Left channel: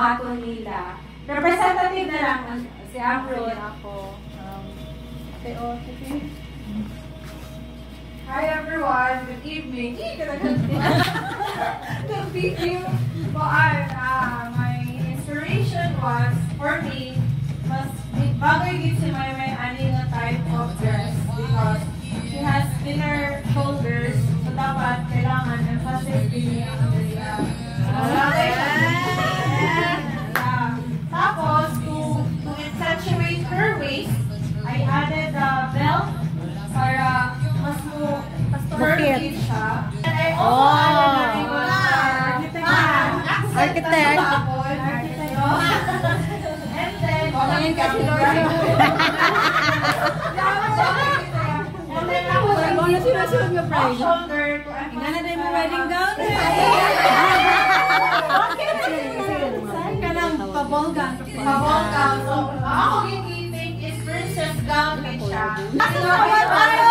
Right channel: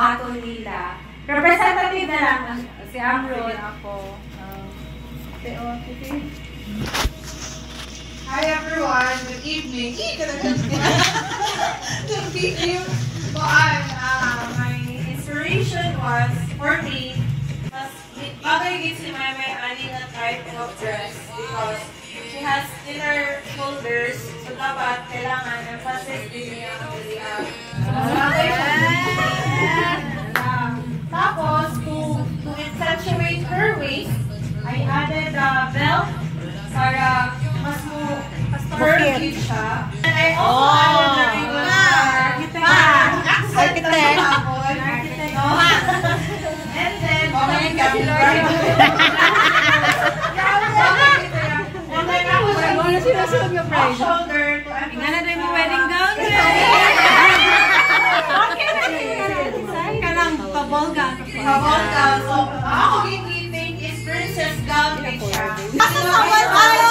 buhaton nila. Representative na lang si Amron. Ako. Hi everyone, good evening. Thank you. My inspiration was, for me, bagay gid si Maymay ani na type of dress because she has thinner shoulders, so dapat kailangan emphasis din niya ang dilihan. Tapos, to accentuate her waist, I added the belt para mas curvy siya. And I also added the ribbon Architect. And then, shoulder to Mo wedding gown. Kanang pabolga. Pabolga. So, ako think is princess gown din siya. Pasawal tayo!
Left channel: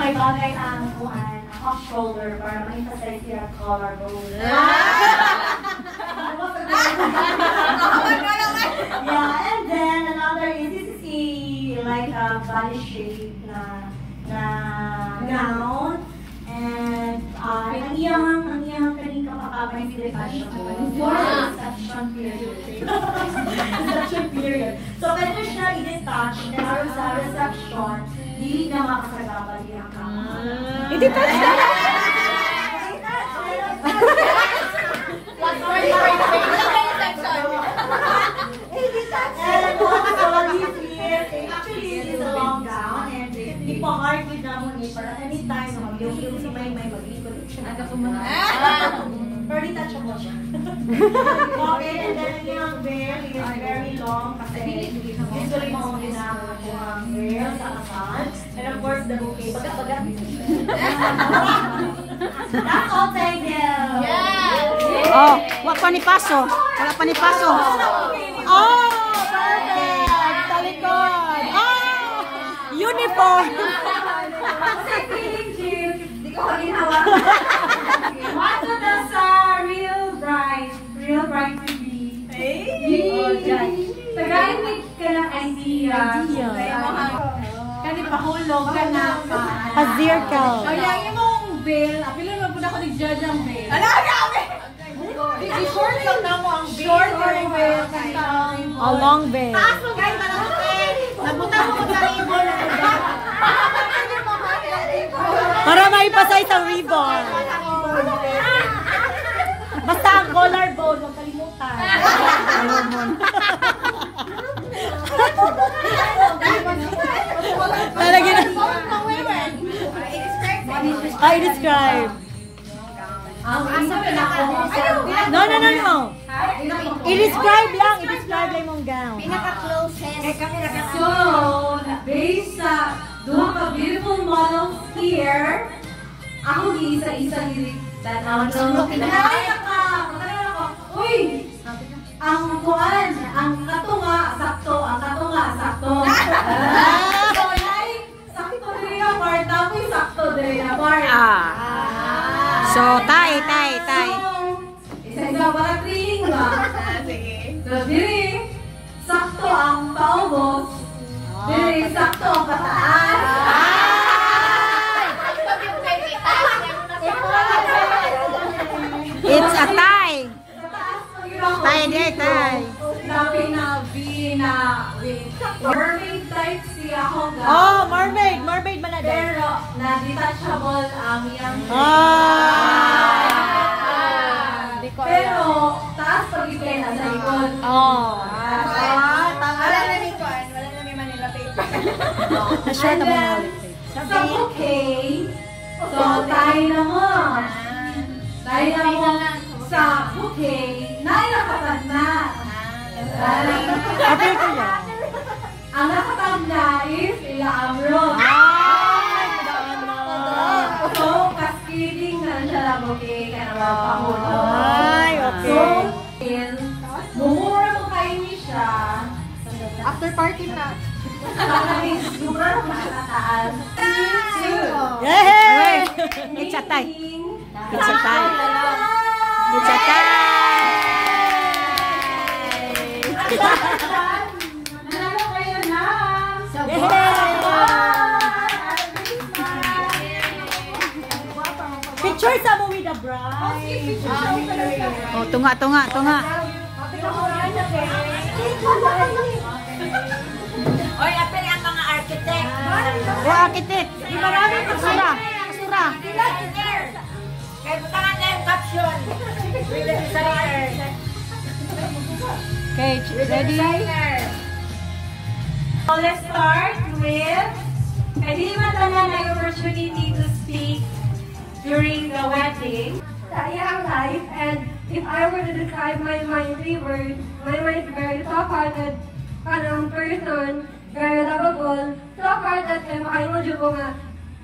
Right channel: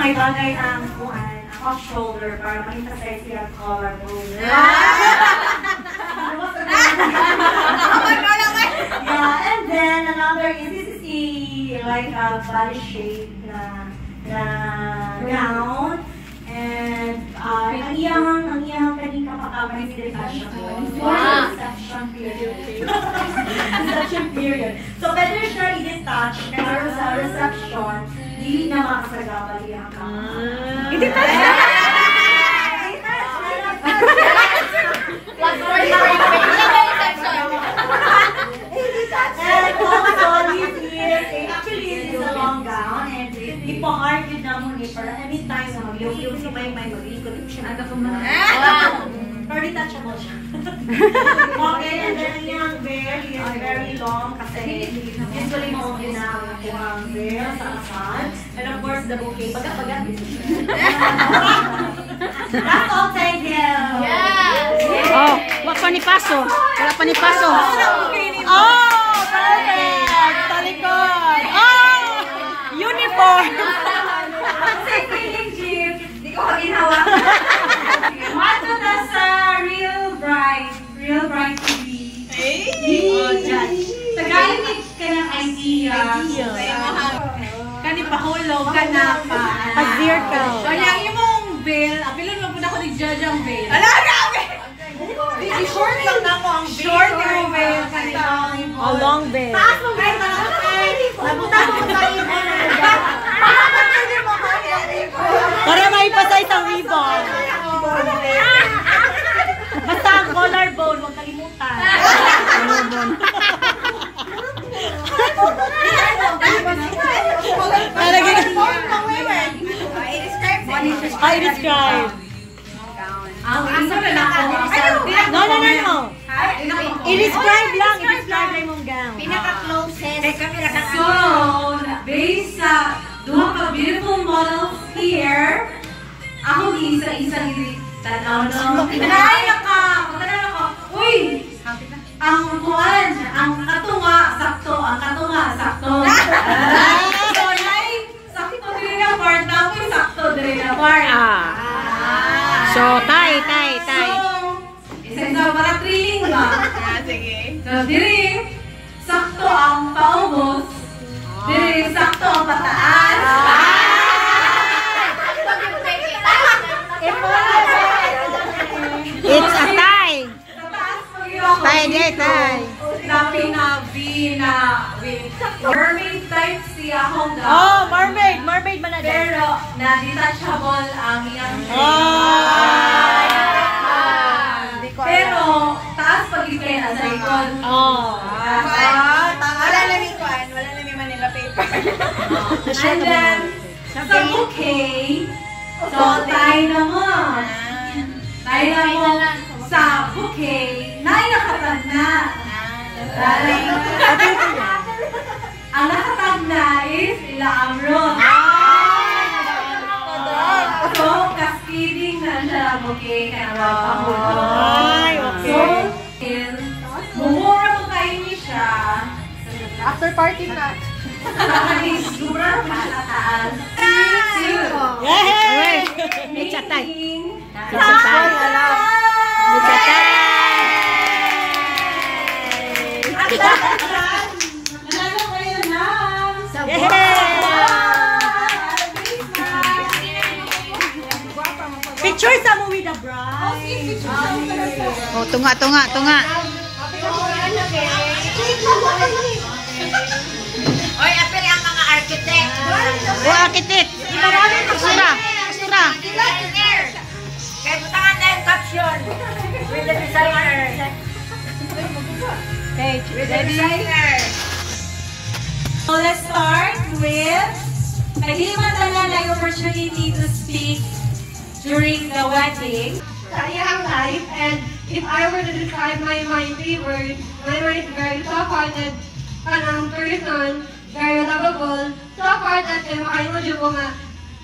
May bagay ang off-shoulder para ma-emphasize yung collarbone. Yeah, and then another is, this is like a body shape na gown. And ang iyang kaning kapakaman is detachable for reception period. Reception period. So better siya i-detach para sa reception, hindi na makasagabal yung kapakaman. I-detach siya! And also, this here, actually, this is a long gown, and ipa-hard yun na mo ni para anytime na mag-yung si May mag-ikot siya na kapunan. Pero detachable siya. Okay, and then yung veil is very long kasi usually maong yun na ang veil sa kasal. And of course, the bouquet. Bagat-bagat dito siya. That's all, thank you! Yeah! Oh, wala pa ni Paso. Wala pa ni Paso. Oh! Talikod! Oh! Uniform! Kasi feeling jeep, di ko ginawa. Mato na sa Real Bright TV. Oh, judge. Tagalimig ka ng idea. Kani pahulog ka na pa. Azir ka. Kaya yung veil, apilon mo po na ako ni Judge ang veil. Ala, grabe! Short lang na mo ang veil. Short yung veil. A long veil. Taas mo guys na napunta mo tayo. Para maipasay sa ribbon. Basta ang collarbone, huwag kalimutan. Collarbone. I describe. No. I-describe lang. I-describe lang mong gown. Pinaka-closest. So, based sa duha ka beautiful models here, ako isa-isa tanaw no. Pinaya ka! Magkano ko? Uy! Ang kuwan, ang katunga, sakto. So, sakto din yung part, tapos sakto din yung part. So, tay. So, isa-isa para training ba? Sige. So, diri, sakto ang paubos. Diri, sakto ang pataas. It's a tie. Tie. Tapi na V na mermaid type siya akong gown. Oh, mermaid man na din. Pero na-detachable ang iyang pero taas pag-ipin sa likod. Wala namin Manila paper. And then, sa bouquet, so tayo na mo. Sa bouquet, nailakatag na. Ang nakatag na is ila Amron. So, cascading na siya lang bouquet kaya pangbuto. Ay, okay. So, mumura mo kayo ni siya. after party na. Super pagkataas. Yay! It's a tie. It's a tie. It's a tie. Nanalo kayo na sa picture sa mo with the bride. Oh, tunga. Oy, apel ang mga architect. Oh, architect. Kasura. Kaya butangan na yung caption. With the designer. Okay, ready? So let's start with Paglimatanan na yung opportunity to speak during the wedding. Sa iyang life, and if I were to describe my favorite, my is very soft-hearted, kanang person, very lovable, soft-hearted, and makaimodyo ko nga,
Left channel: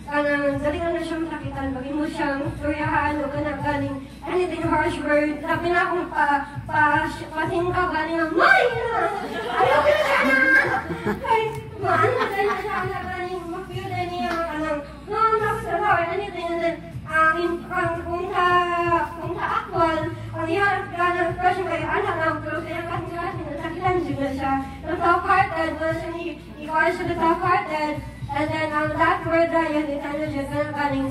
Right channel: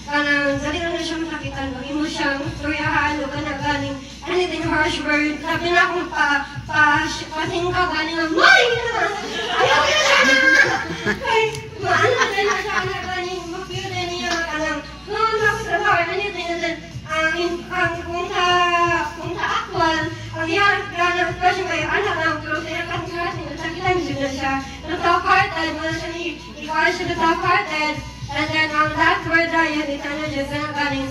kanang dali lang na siya masakitan, pag mo siyang turyahan, o kanang ganing, anything harsh word, sabi na akong pasingka, ganing nga, May! Ayaw ko na siya na! Kay, maano na din na siya, anak ganing, mag-feel din niya, kanang, noon ako trabaho, anything, and then, kung sa actual, ang iharap ka na expression kayo, anak lang, pero sa ilang kasing nasakitan siya siya. Pero soft-hearted, wala siya ikaw siya na soft-hearted. And then, ang last word na yun, isa niya dyan, ganang galing,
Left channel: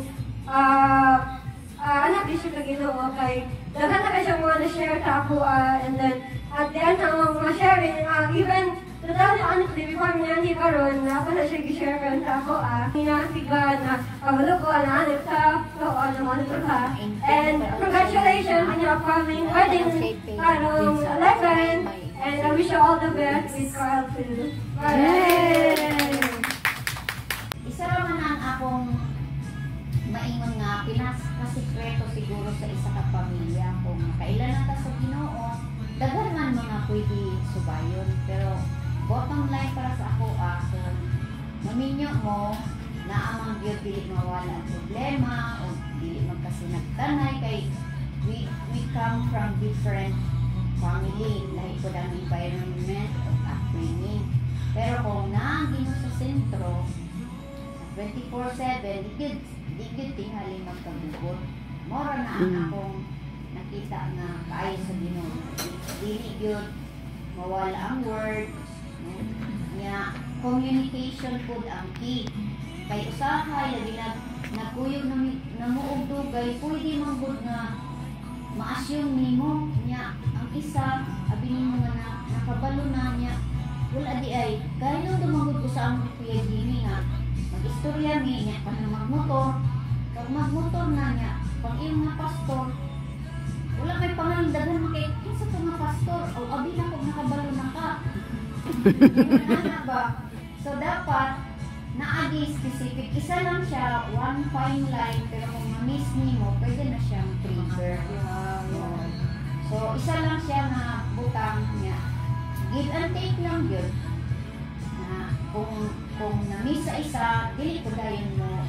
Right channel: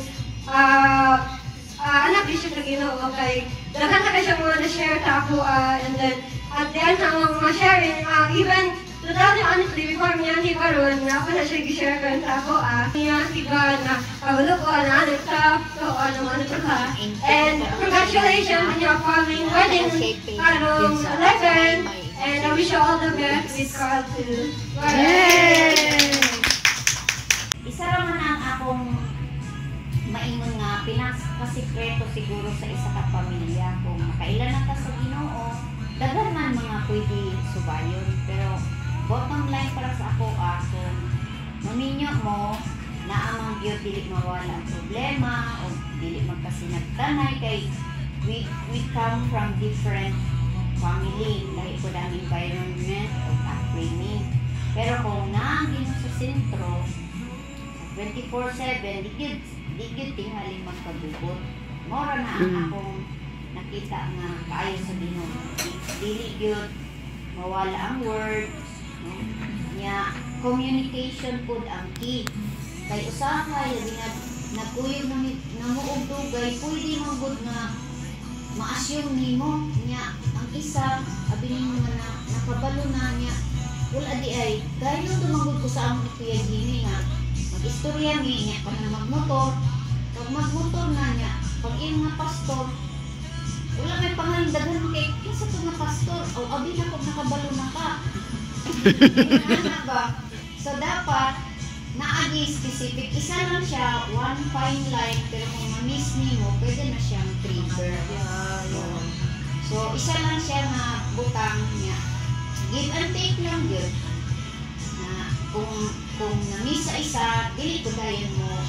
anak di siya sa Ginoo, kay daghan na siya mga na-share sa ako, and then, at the end, ang mga sharing, even, to tell you honestly, before niya hindi karoon, na ako na siya i-share ka sa ako, niya siga na pagulo ko, na nag-stop, so, ano to ka. And congratulations on your upcoming wedding, karong 11, and I wish you all the best with Carl too. Yay! Isa naman ang akong maingon nga pinakasikreto siguro sa isa ka pamilya kung makailan na ta sa Ginoo, daghan man mga pwede subayon, pero bottom line para sa ako kung maminyo mo na amang gyud dili mawala ang problema o dili magkasinagtanay kay we come from different family, lahi po ang environment o upbringing, pero kung naang Ginoo sa sentro 24/7 di gyud tingali magkabugot, mora na ang akong nakita nga kaayo sa Ginoo, dili gyud mawala ang word, no? Nya communication pod ang key, kay usaha ya nagkuyog na muog dugay pwede man gud nga ma-assume nimo nya ang isa abi nimo nga nakabalo na nya wala di ay dayon dumagod ko sa among Kuya Jimmy nga mag-istorya mi nya kanang magmotor, pag magmotor na nya pag iyong mga pastor wala may pangalindagan kay kinsa to nga pastor o abi na kog nakabalo na ka. Ano ba? So dapat naagi specific, isa lang siya, one fine line, pero kung ma-miss nimo pwede na siyang trigger. So isa lang siya na butang niya, give and take lang yun, na kung na-miss sa isa, dili ko dayon mo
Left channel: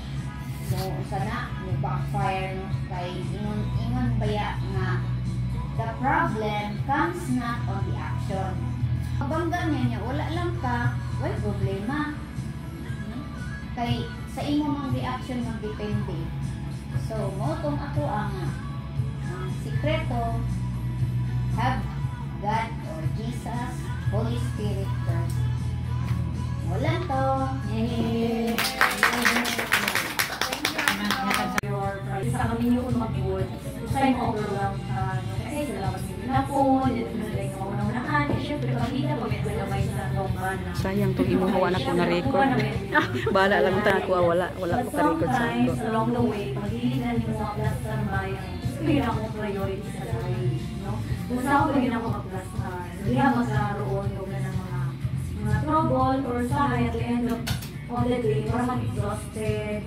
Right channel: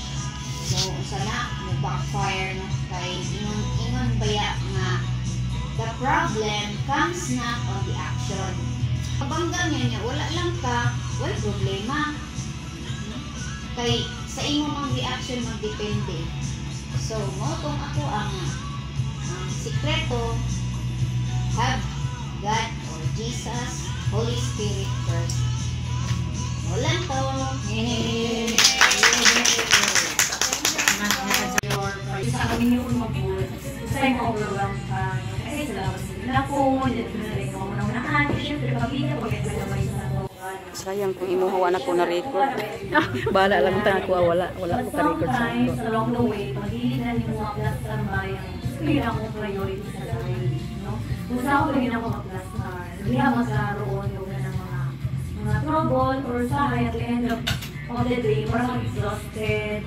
sana mo backfire no? Kay ingon baya nga the problem comes not on the action. Kabangga niya wala lang ka, wala problema. Kay sa imo mang reaction magdepende. So mo tong ako ang sikreto, have God or Jesus, Holy Spirit first. Wala to. Isa kami yung mag-board. Isa yung overwhelm ka. Kasi sila kasi nila po. Dito na rin ako naman. Siyempre, pag-ina po, may pwede na ka. Sayang kung imuhawa na ko na record. Bala lang ta ko wala ko ka-record sa ako. Along the way, pag-ilinan yung mga plus ang bayan, hindi na akong priority sa life. Gusto ako hindi na ako mag-plastar. Hindi ako magkaroon yung mga trouble or sahay at the end of the day, parang exhausted.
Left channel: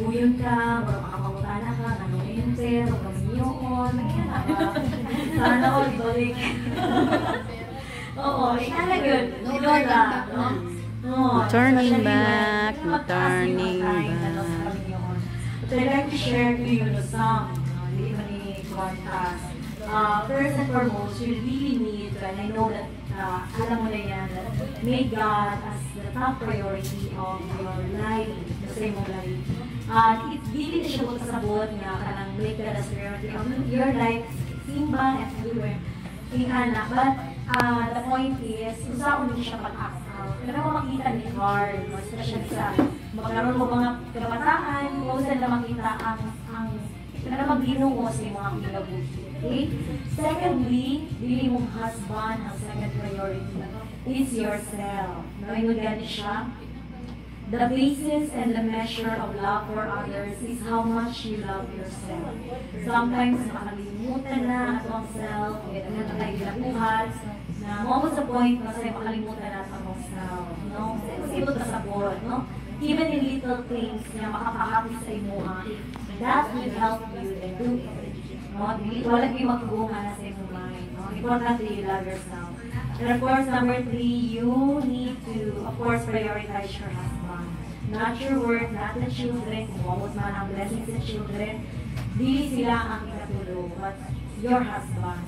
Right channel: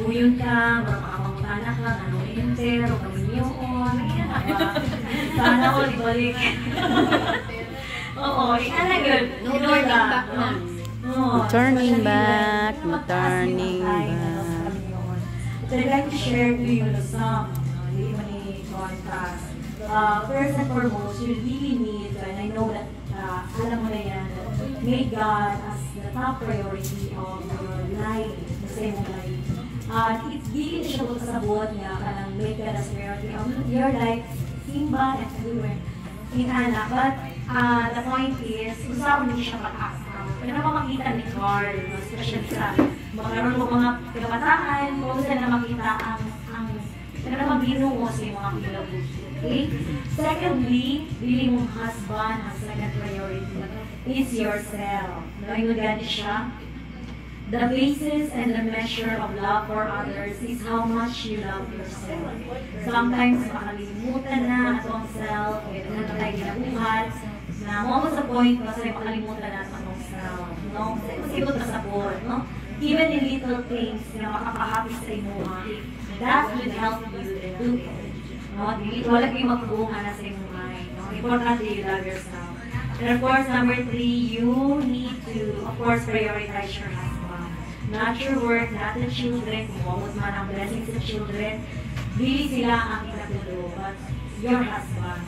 Uyon ka, parang makapangunanak lang, anong enter, o kaminyoon, mag-iyanak ka. Sana ko, ibalik. Oo, iyan lang yun. No turning back na. Turning back, turning back. So I'd like to share to you the song, hindi man ni contrast. first and foremost, you really need, and I know that alam mo na yan, that make God as the top priority of your life, sa imong life. It's really na siya kasabot nga kanang make God as priority of your life, simba and everywhere. Ingana. But the point is, usaw mo siya mag-asaw. Kaya naman makita ni Carl, especially sa magkaroon mo mga kabataan, kung saan na makita ang kaya naman ginuo sa mga kinabuhi. Okay? Secondly, really mong husband, ang second priority is yourself. Ngayon gani siya. The basis and the measure of love for others is how much you love yourself. Sometimes makalimutan na ang self, na tayo ginabuhat, na mo sa point, masaya makalimutan na ang self. No? Masibot na sabot, no? Even in little things na makapahapi sa imuha, that will help you then do it. No? Wala kayo magbuha na sa imong mind. No? Importante you love yourself. And of course, number 3, you need to, of course, prioritize your husband. Not your work, not the children, kung bawat man ang blessing sa children, dili sila ang inatulo, but your husband.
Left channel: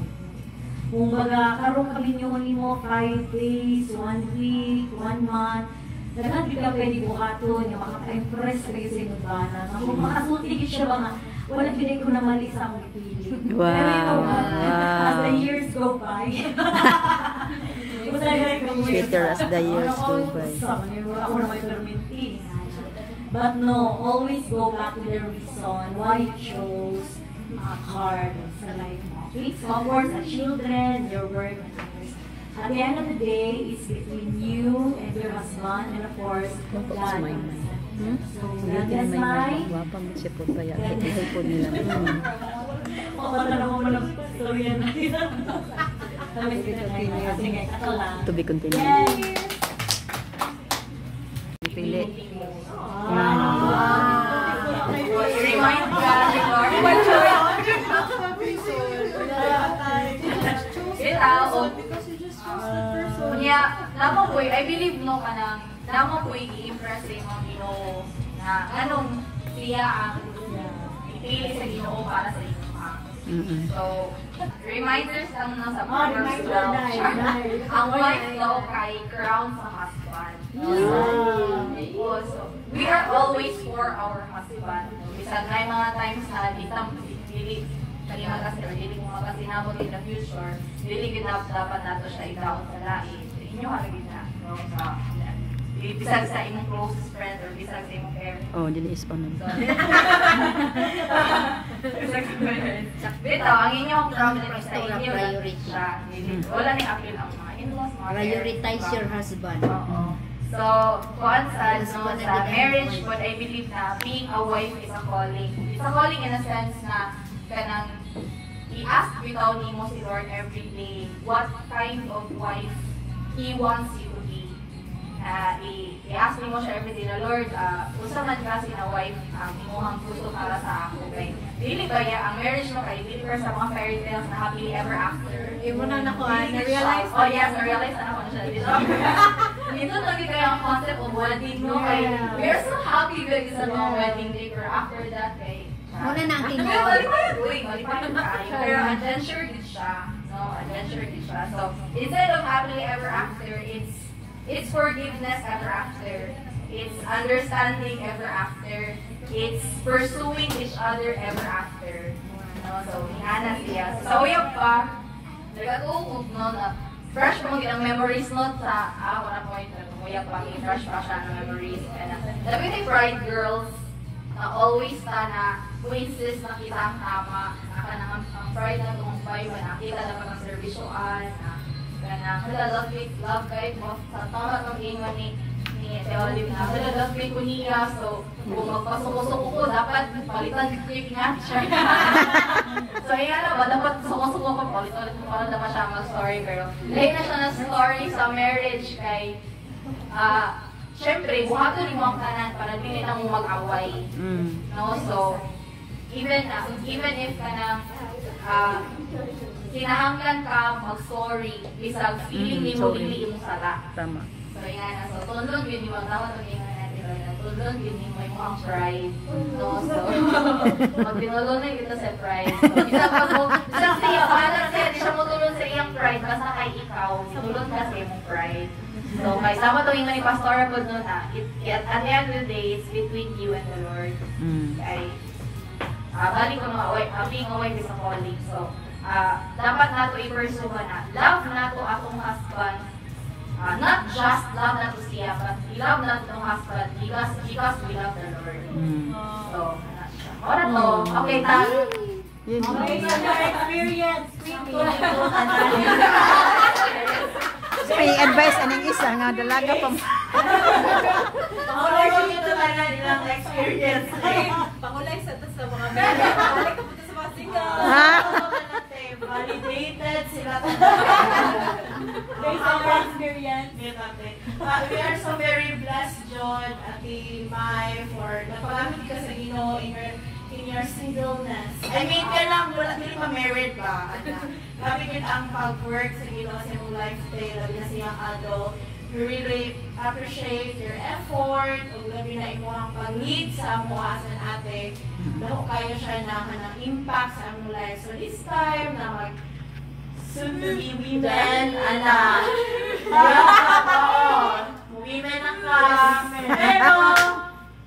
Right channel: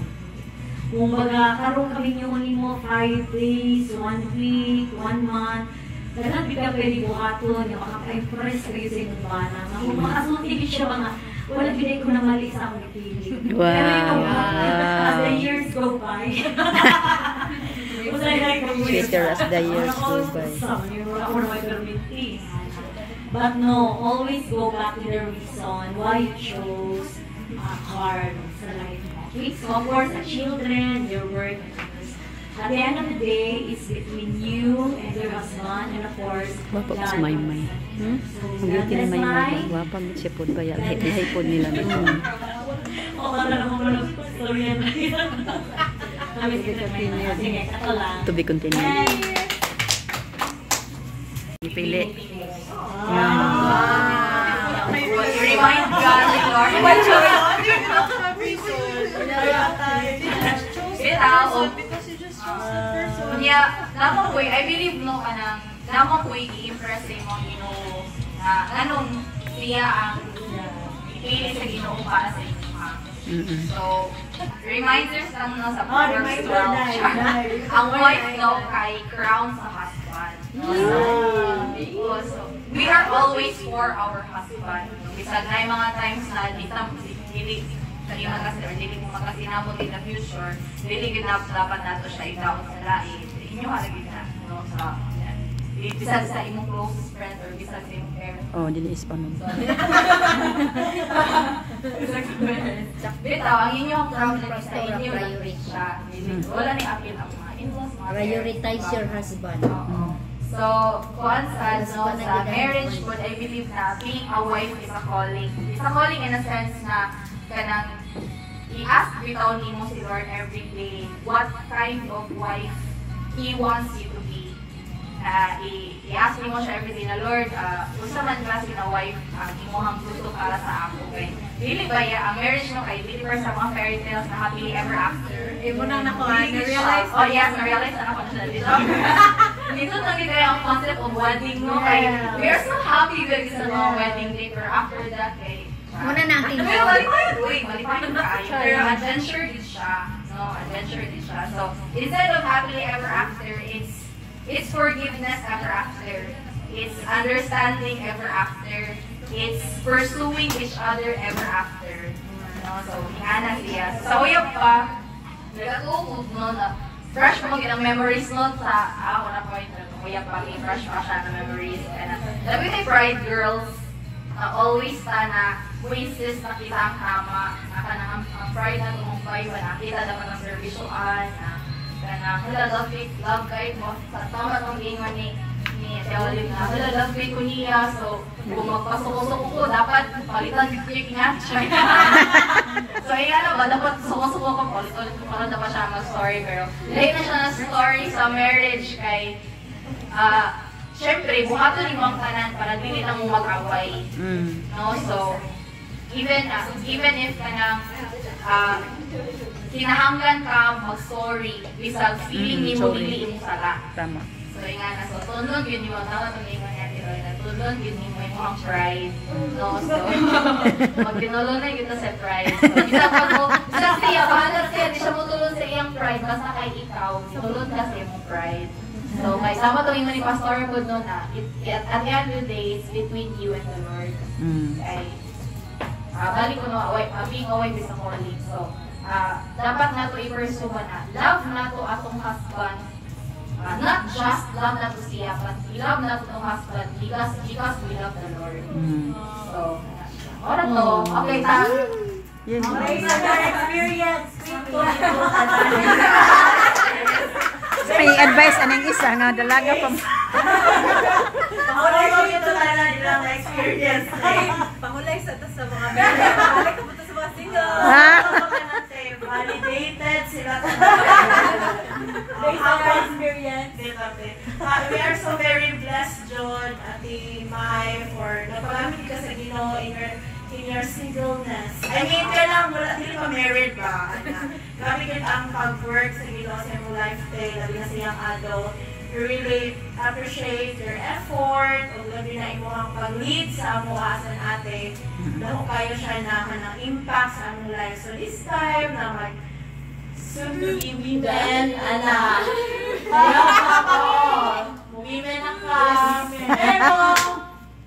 Kung baga, karoon kami yung mo 5 days, 1 week, 1 month, dapat di ka pwede buhaton, yung makaka-impress kayo sa inyong bana. Kung makasuntigit siya mga, wala pinay ko na mali sa akong ipili. Wow. Pero ikaw ba, as the years go by, Sweeter as the years go by. But no, always go back to the reason why you chose hard sa life mo. So of course, the children, your work, and others. At the end of the day, it's between you and your husband, and of course, Wapa God. sa may-may. So, Hindi God ka na bless may-may. my. Wapa mo siya po kaya. Lahi po nila. Oo, talaga mo lang storya na yun. Kami sige, kato lang. To be continued. Pili. Remind God, Lord. Because you just chose the person. Yeah, naman po, I believe no ka nang, naman po i-impress sa imong Ginoo na anong siya ang pili sa Ginoo para sa inyo. So, reminders lang no sa Proverbs 12. Ang wife no kay crown sa husband. So, we are always for our husband. Bisag na yung mga times na dili kani dili mo makasinabot in the future, dili gid na dapat nato siya itaon sa lain. Inyo halagid na no sa bisag sa imong closest friend or bisag sa imong parent. Oh, dili is pa nun. Bitaw, ang inyong problem is sa inyo lang siya. Wala ni appeal ang mga in-laws, mga Prioritize your husband. Oo. So, kuan sa marriage, but I believe na being a wife is a calling. It's a calling in a sense na kanang i-ask bitaw nimo si Lord every day what kind of wife He wants you to be. I-ask nimo siya every day na Lord, unsa man klase na wife imohang gusto para sa ako kay dili ba ang marriage mo kay dili pa sa mga fairy tales na happily ever after. Ibo na nako, na-realize. Oh yes, na-realize na ako na siya dito. Dito talaga kaya ang concept of wedding no kay we are so happy guys sa mga wedding day pero after that kay Muna na ang pero malipay kayo. Pero adventure din siya. No, adventure din siya. So, instead of happily ever after, it's forgiveness ever after. It's understanding ever after. It's pursuing each other ever after. No, so, iana siya. Sa uyab pa, nagatuog no na fresh mo ang memories no sa wala point na uyab pa fresh pa siya na memories. Kaya labi kay Pride Girls na always na quizzes na kita ang kama, ang pride na tumumpay, nakita naman ang servisyoan, na love guide mo, sa tama itong inwan ni Teolib na, love guide ko niya, so kung magpasuko-suko ko, dapat palitan quick niya. So yan ba, dapat suko-suko ko, palitan ko para dapat siya mag-story, pero lahat na siya na story sa marriage kay, syempre, buhaton ni mo ang kanan para dili na mo mag-away. No, so even if kanang kinahanglan ka mag-sorry bisag feeling nimo dili mo sala. Tama. So ingana so tundog yun yung tawag ng ingon natin tulon, yun yung may mukhang pride. No? So, magpinulo na yun sa pride. So, isa pag mo, isa siya, paano siya, di siya mo tulon sa iyang pride, basta kay ikaw, tulon ka sa iyong pride. So, may sama itong yung pastora po doon na, at the end of the day, it's between you and the Lord. Kay, balik ko na, being away with a calling. So, dapat nato i-pursue na, love nato atong husband, not just love nato siya, but love nato atong husband because we love the Lord. So, wala to. Okay, Okay, so your experience. May advice anong isa nga dalaga pa. Pangulay ko ito na nilang experience. Pangulay sa mga bebe. Pangulay ko sa mga single. Validated sila. Based on your experience. We are so very blessed, John, Ate Mai, for napagamit ka sa Ginoo in your singleness. I mean, kailangan wala, hindi pa married ba? Grabe yun ang pag-work sa Ginoo sa iyong lifestyle, labi na sa iyong adult. We really appreciate your effort, o labi na imo ang pag-lead sa amuasan ate. Lalo kayo siya na ng impact sa among life. So this time, na soon to be women, ana. Women na ka. Pero,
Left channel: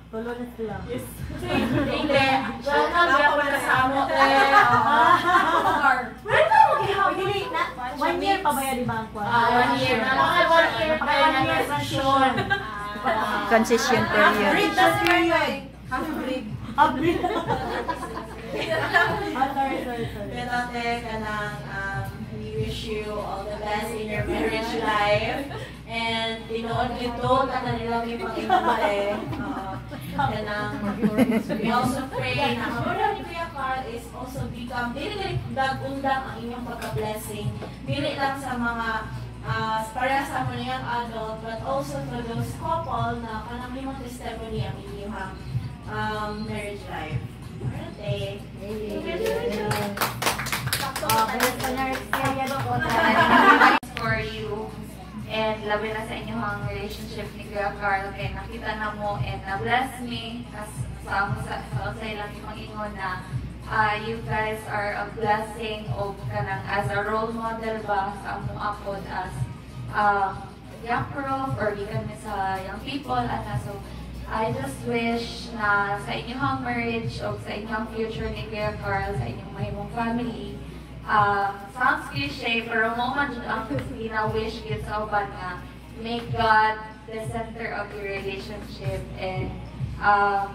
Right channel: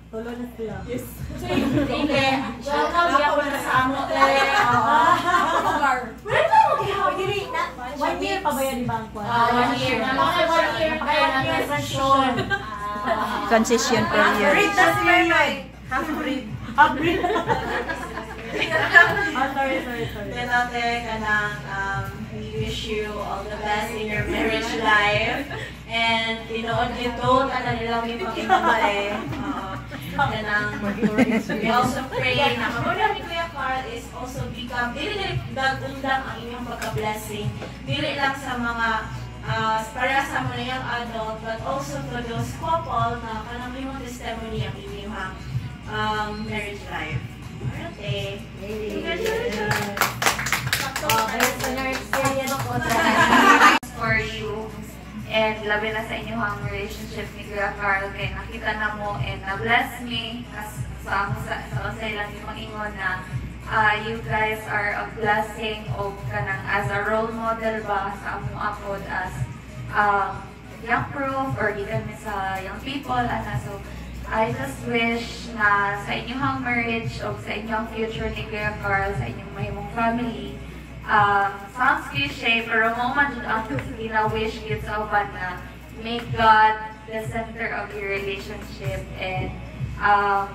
Tulo na sila. hindi. Diyan lang ako kasama te. Where ka mag-ihawin? 1 year pa ba yan, di ba ang kwan? 1 year. One year pa na transition. Transition period. Period. Hybrid. Sorry. Pero te, we wish you all the best in your marriage life. And tinood ito, tanan nilang yung pag-ibabae. We also pray na kamuna ni Kuya Carl is also become, dili dag-undang ang inyong pagka-blessing. Dili lang sa mga para sa mo na yung adult, but also to those couple na kanang limang testimony ang inyong marriage life. Okay. Congratulations! Based on your experience po for you. And labi na sa inyong relationship ni Kuya Carl, kaya nakita na mo and na-bless me sa usay lang yung ingon na you guys are a blessing o kanang as a role model ba sa among apod as young proof or gikan sa young people. So I just wish na sa inyong marriage o sa inyong future ni Kuya Carl, sa inyong mahimong family, sounds cliche, pero mo man ang gina-wish yun sa uban na make God the center of your relationship and sa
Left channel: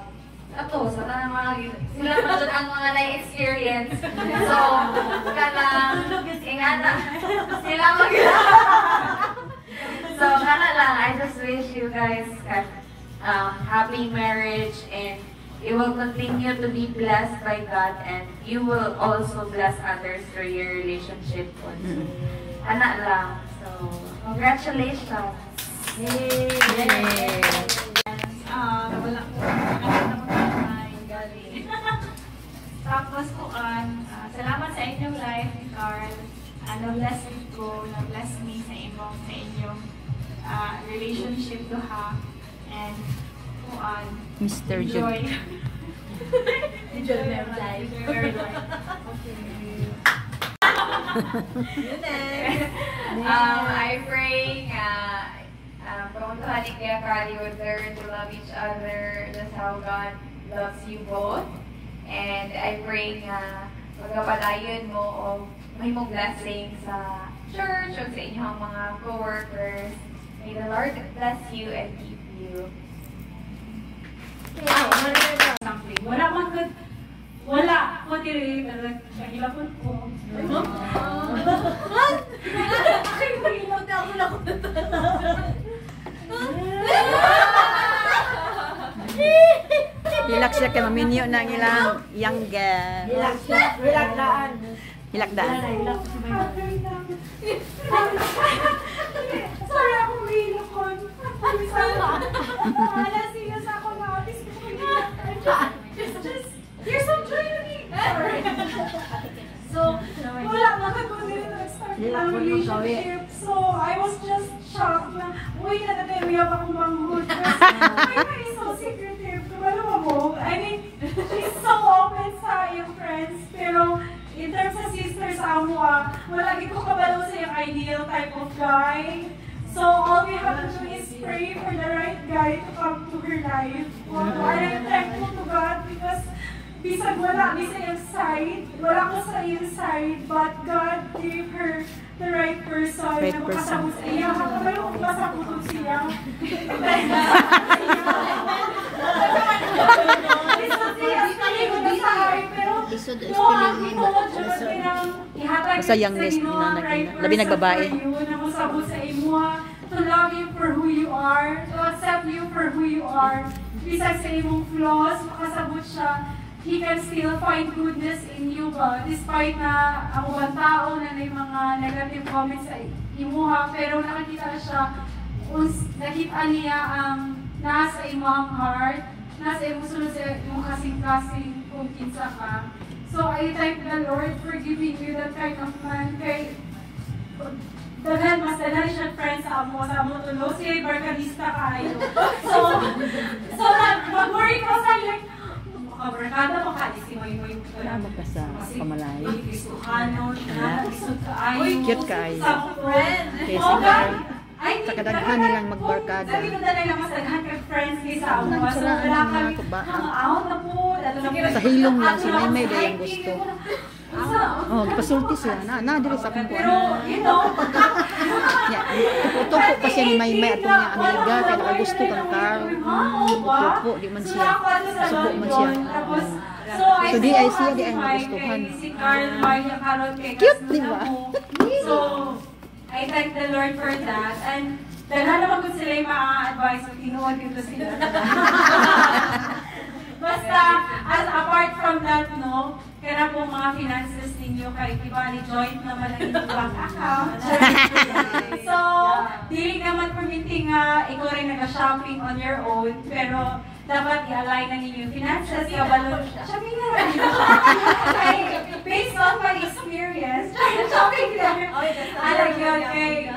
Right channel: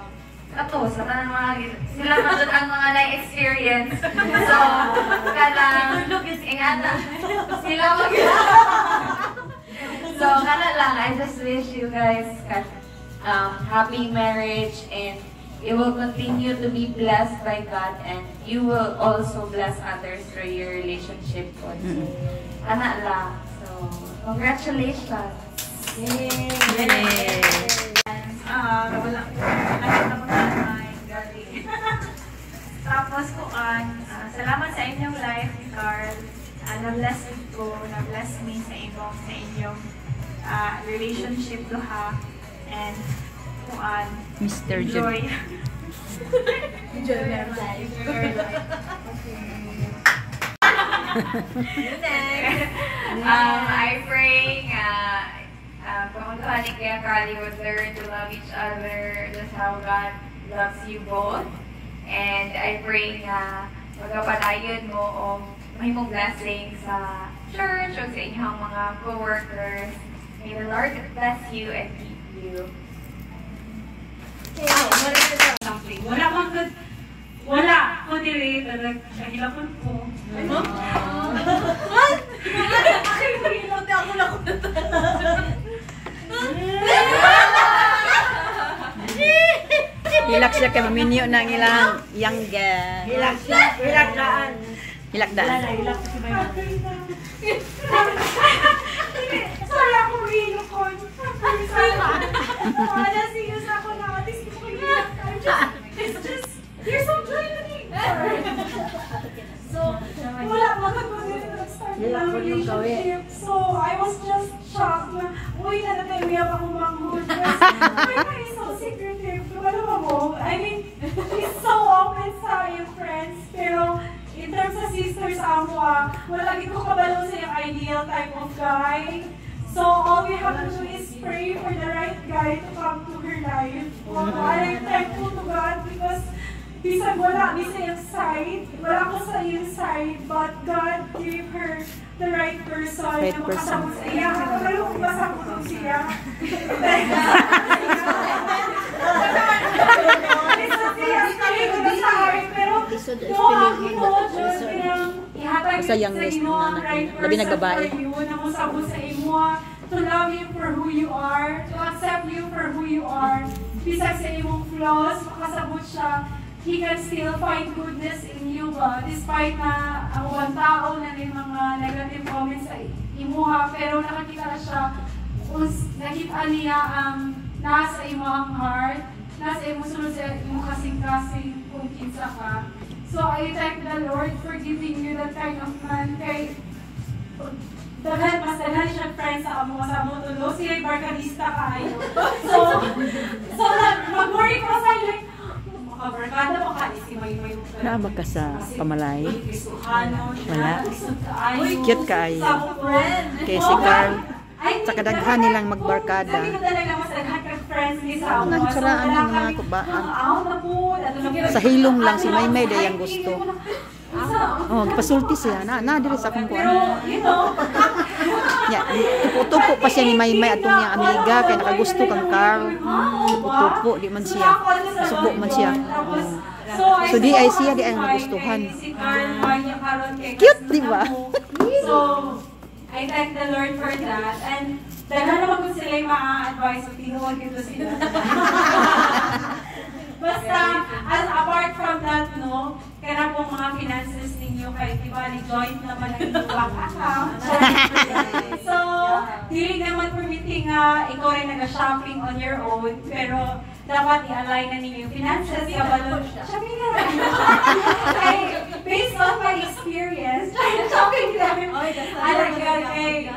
mga sila man doon ang mga na-experience. So, kalang ingana sila mag So, kana lang, I just wish you guys happy marriage and you will continue to be blessed by God and you will also bless others through your relationship. Ana lang. So, congratulations! Yay! Tapos po, salamat sa inyong life, Carl. Na-bless ko, na-bless me sa inyong relationship to ha. And Mr. Joy. Enjoy your life. I pray pamunduhan ni Kuya Carl, you would learn to love each other. That's how God loves you both. And I pray nga magkapadayon mo o mahimong blessing sa church o sa inyong mga co-workers. May the Lord bless you and keep you. Wala. Kundi kahilapon ko. Ano? What? Kahilapon ako na ko. Hilak siya kay maminyo ng ilang youngest. Hilakdaan. Hilakdaan. Sorry ako hilo ko. Wala serious ako na. There's some joy in me. So, wala makakundi rin nag-start ng relationship. So, I was just shocked na, uy, na nag-iwiyak akong manghud. Why am I so sick ideal type of guy. So all we have to do is pray for the right guy to come to her life. And I'm thankful to God because bisag wala sa iyang side, wala ko sa iyang side, but God gave her the right person na makasabot sa iya. Kapag kung masabuton siya. Sa youngest na labi nagbabae. To love you for who you are, to accept you for who you are. Bisag sa imong flaws, makasabot siya, He can still find goodness in you ba? Despite na ang ubang tao na may mga negative comments sa imuha, pero nakakita siya, nakita niya ang nasa imong heart, nasa imong sunod sa imong kasing-kasing kung kinsa ka. So I thank the Lord for giving you that kind of man. Kay mas daghan siya friends sa amo tulo, siya barkadista kaayo. So mag-worry ko sa like, barkada mo ka, si may Naamag ka sa pamalay. Wala. Cute kaayo. Kay si Carl. Sa kadaghan nilang magbarkada. Sa hilong lang si Maymay day ang gusto. Oh, pasulti siya na diri sa akong kuan. Ya, tupo pa siya ni Maymay atong niya amiga kay nakagusto kang Carl. Tupo di man siya. Subo man siya. So di ay siya di ay nagustuhan. Cute di ba? So I thank the Lord for that. And daghan naman kung sila yung ma-advise o tinuod dito sila. Basta, as apart from that, no, kaya pong mga finances ninyo, kahit iba ni joint naman ang inyong bank account. So, dili naman permitting ikaw rin nag-shopping on your own, pero dapat i-align na ninyo yung finances, kabalon. Shopping na rin. Based on my experience, shopping na rin. I like yun, kay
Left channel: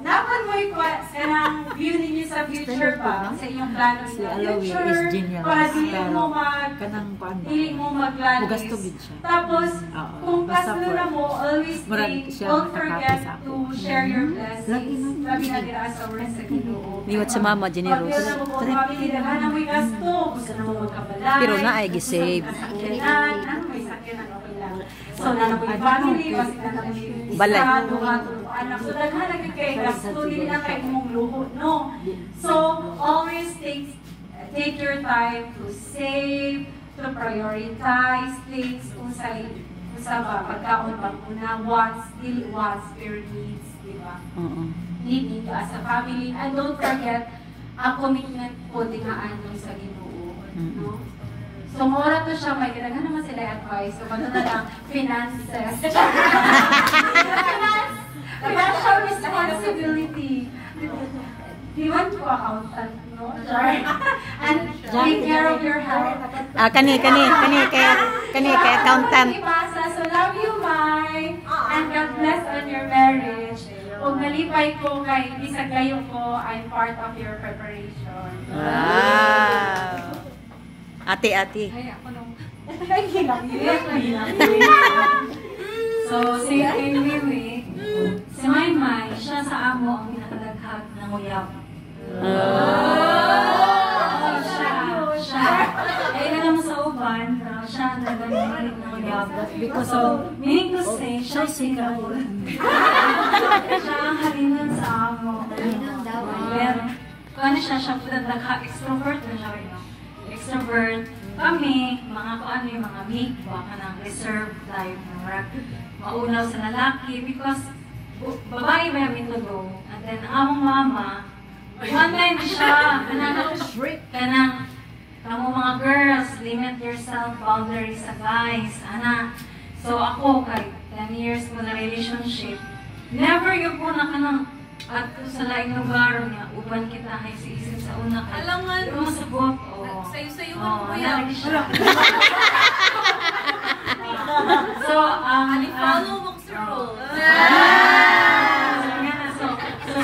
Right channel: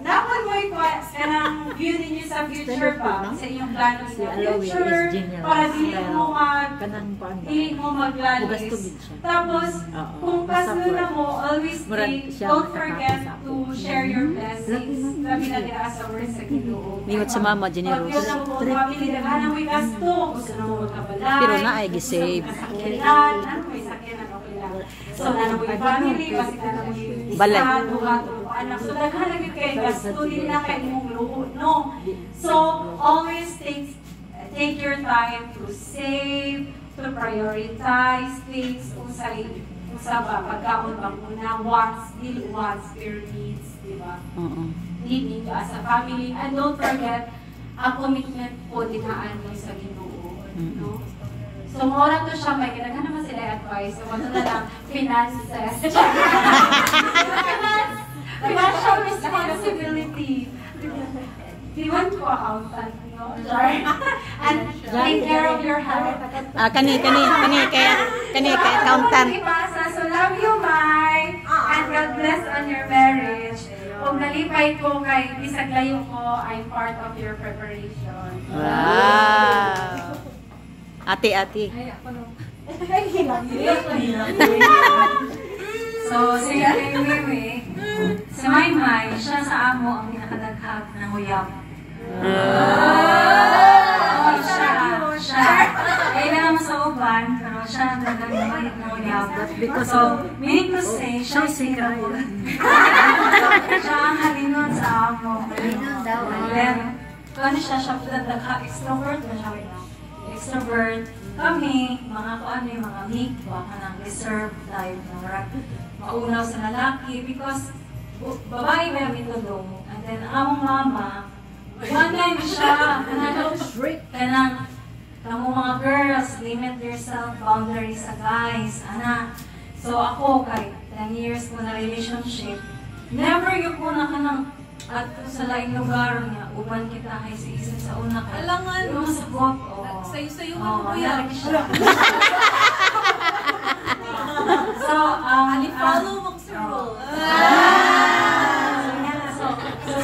dapat mo kanang view ninyo sa future ba? Sa iyong plano sa future, para dili mo maglalis. Tapos, kung kasunod na mo, always think, don't forget to share your blessings. Labi na dira sa words sa Ginoo. Liwat sa mama, generous. Pag yun na mo kung family, daghan na mo'y gasto. Gusto na mo magkabalay. Pero na ay gisave. Sakyanan, ano mo'y sakyanan, okay lang. So, na mo'y family, kasi na mo'y balay. Anak. So, daghan na yun kayo gasto. Hindi na kayo mong luho, no? So, always take your time to save, to prioritize things, kung sa ba, pagkaon ba muna, wants, dili wants, pero needs, di ba? Need as a family. And don't forget, ang commitment po dinaan mo sa Ginoo. No? So, mora to siya, may kinaghan naman sila advice. So, ano na lang, finances. Financial responsibility. Di man po accountant, no? And take care of your health. Kani kay accountant. So, love you, Mai. And God bless on your marriage. Kung nalipay ko kay bisag layo ko, I'm part of your preparation. Wow! Ate. So, si Ate Mimi, si Maymay, siya sa amo ang nakadaghag ng uyab. Siya. Kaya naman sa uban, pero siya ang nagdaghag ng uyab. Because of, meaning to say, siya sikra mo. Siya ang halinon sa amo. Halinon daw. Kano siya nagdaghag, extrovert na siya rin. Extrovert. Kami, mga mga meek ba, kanang reserve type, maunaw sa lalaki, because babae ba yung mitulo, and then among mama, one time siya, kanang kamo mga girls, limit yourself, boundaries sa guys, ana. So ako, kahit 10 years ko na relationship, never yung po na kanang at sa laing lugar niya, uban kita ay sa isip sa una ka. Alangan, yung sagot, sayo-sayo mo yan. So, follow mo sa rule. So,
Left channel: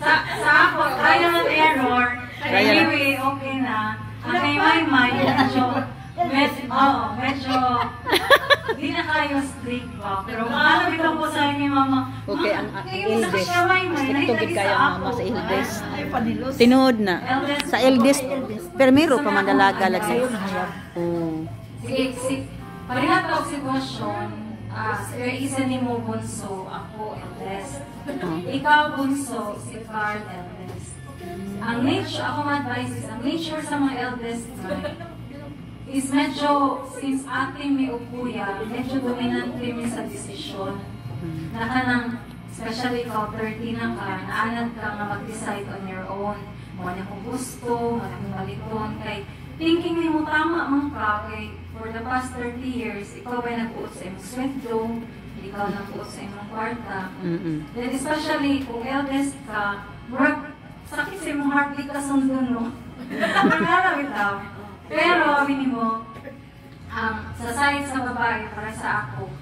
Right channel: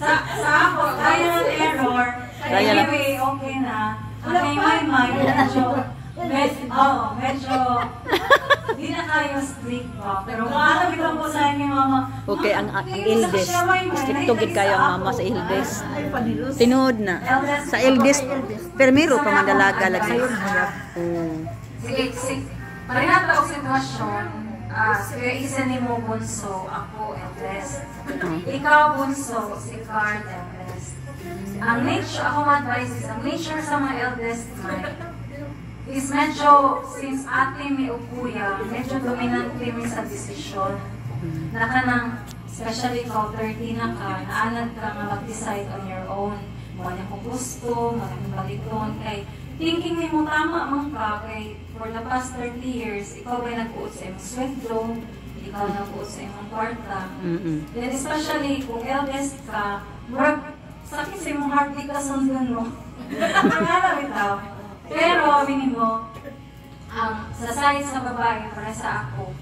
sa ako, trial and error. Anyway, okay na. Ang kay Maymay, medyo Hindi na kayo strict pa. Pero alam ito po sa akin, mama. Okay, ang eldest. Stricto gid kayo ang mama sa eldest. Tinuod na. Sa eldest, permiro pa mandalaga lagi. Oh. Sige. Parehat ako sitwasyon. Sige, isa ni mo bunso, ako eldest. Ikaw bunso, si Carl eldest. Ang nature, ako ma-advise is, ang nature sa mga eldest is medyo, since ate may ukuya, medyo dominant kami sa desisyon. Na kanang, especially ikaw, 30 na ka, naanad ka nga mag-decide on your own. Wala kong gusto, wala kong baliton, kay thinking ni mo tama man ka, kay for the past 30 years, ikaw ba nag-uot sa imong sweldo, ikaw nag-uot sa imong kwarta. Then especially kung eldest ka, murag sakit sa imong heart, di ka sundon, no? Nangalamit daw. Pero, abinin mo, sa side sa babae, para sa ako,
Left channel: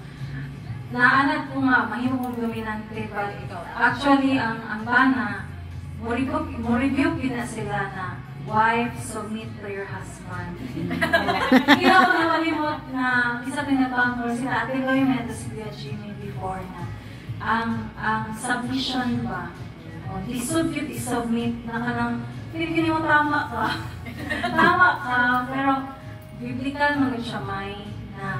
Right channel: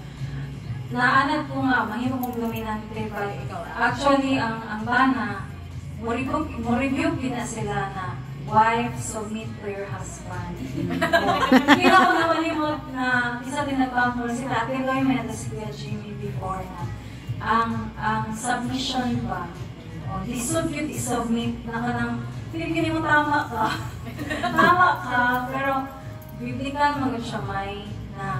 naanad ko nga, mahimo kong dominante, but actually, ang bana, mo review na sila na wife, submit to your husband. Hindi ako namalimot na isa din nagpangkol si Ate Loy Mendes Kuya Jimmy before na ang submission ba, lisod yun i-submit na ka ng pinipili mo tama ka. Tama ka, pero biblical magod siya may na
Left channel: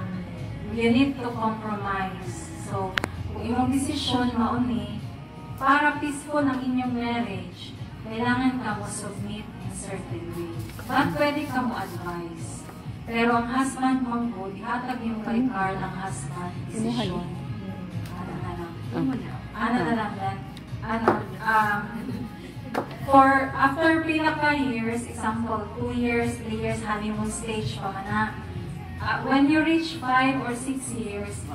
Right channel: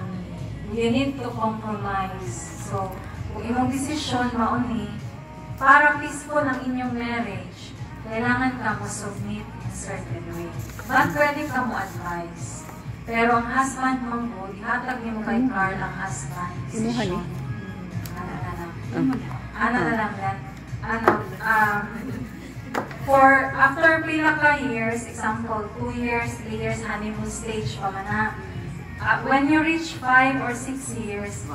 you need to compromise. So, kung imong desisyon mauni, para peaceful ang inyong marriage, kailangan ka mo submit in certain way. But pwede ka mo advise. Pero ang husband mong good, ihatag niyo kay Carl ang husband decision. Ano na lang yan? For after pila ka years, example, 2 years, 3 years, honeymoon stage pa man na. When you reach 5 or 6 years,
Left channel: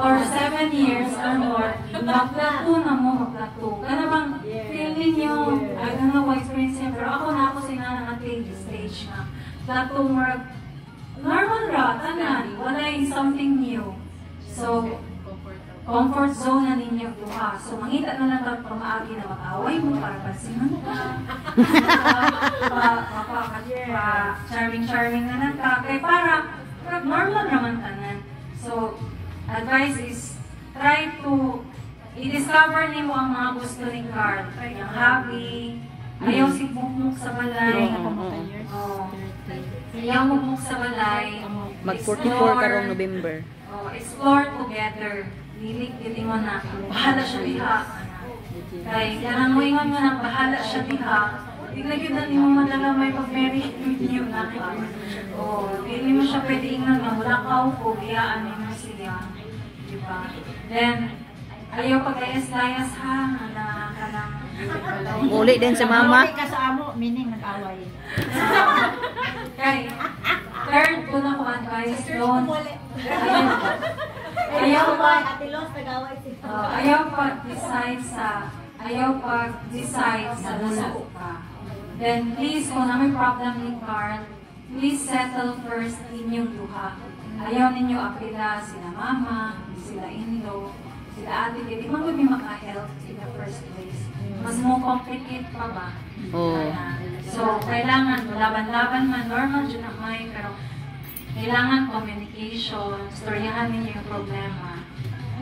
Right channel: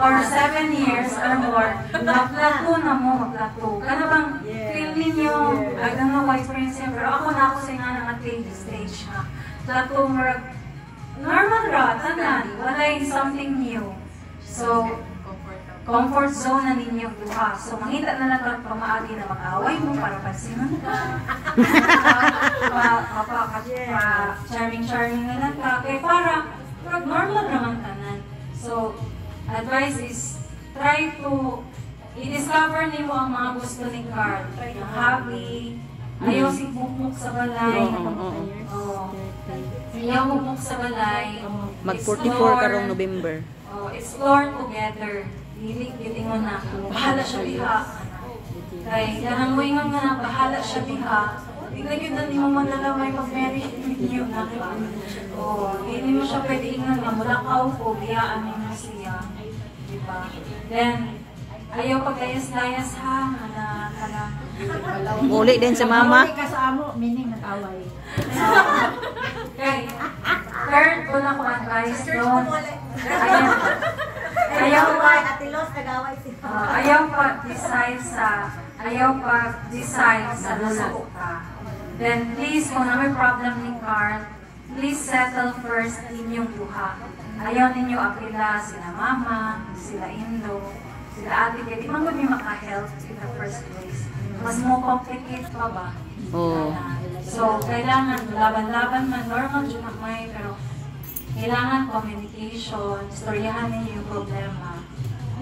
or 7 years or more, magplato na mo, magplato. Kaya bang feel ninyo, I don't know what experience niya, pero ako na ako sa nga nang-attain stage na. Plato, normal ra, tanan, wala yung something new. So, comfort zone na ninyo buha. So, mangita na lang pamaagi na mag-away mo para pansinan ka. Charming na lang ka. Kaya para normal naman tanan. So, advice is, try to i-discover nimo ang mga gusto ni Carl. Ang hobby, ayaw si bukmuk sa balay. Ayaw bukmuk sa balay. Mag-44 karong November. Explore together. Hilig, gilingon na. Bahala siya diha. Kaya kanang mo ingon nga na bahala siya diha. Di na yun na ni mo malalamay pag-marry with you na ka. Di mo siya pwede ingon nga mula ka o biyaan mo siya. Diba? Then, ayaw pag-ayas-layas ha. Muli din sa mama. Muli ka sa amo, meaning nag-away. Okay. Third ko na ko advice doon. Ayaw pag-decide sa lulo ka. Then please, kung na may problem ni Carl, please settle first inyong duha. Ayaw ninyo apila sila mama, sila indo, sila ate, di man kung may maka-help in the first place. Mas mo complicate pa ba? So, kailangan, laban-laban man, normal dyan na may, pero kailangan communication, storyahan ninyo yung problema.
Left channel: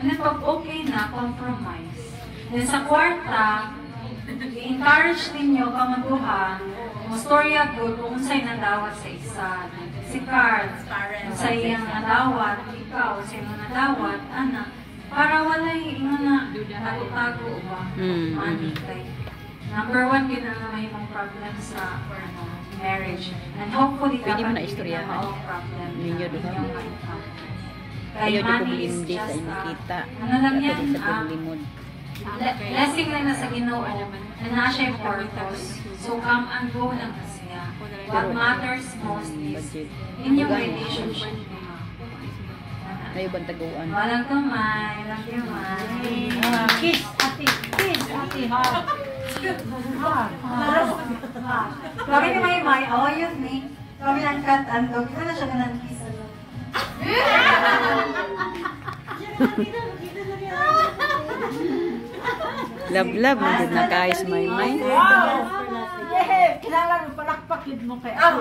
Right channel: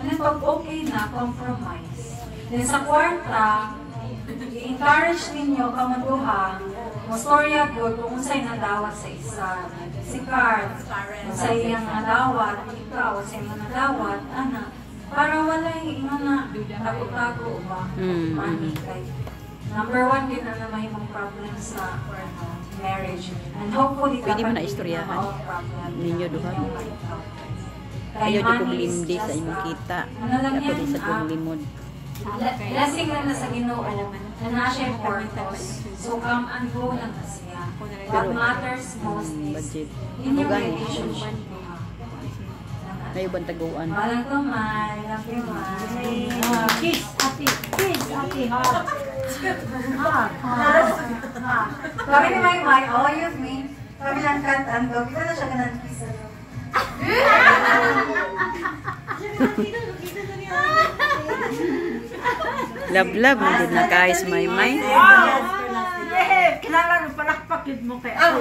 And then pag okay na, compromise. Then sa kwarta, i-encourage ninyo kamaduha, mo storya good kung unsay nadawat sa isa. Si Carl, unsay iyang nadawat, ikaw, unsay mo nadawat, ana. Para walay ingon na tago-tago ba? Number 1 yun ang may mga problem sa marriage. And hopefully, pwede mo na istoryahan ninyo duha. Ayaw di ko blindi sa inyong kita. Ako di sa paglimod. Blessing na na sa Ginoo na na siya yung purpose. So come and go lang na siya. What matters most is inyong relationship. Tayo bang taguan? Walang kamay. Love you, May. Kiss, ate. Kiss, ate. Kami ni May, oh, yun me. Kami lang kat-andog. Ito na siya ganang kiss. Love, magod na guys, May. Kailangan palakpak yun mo kay ako.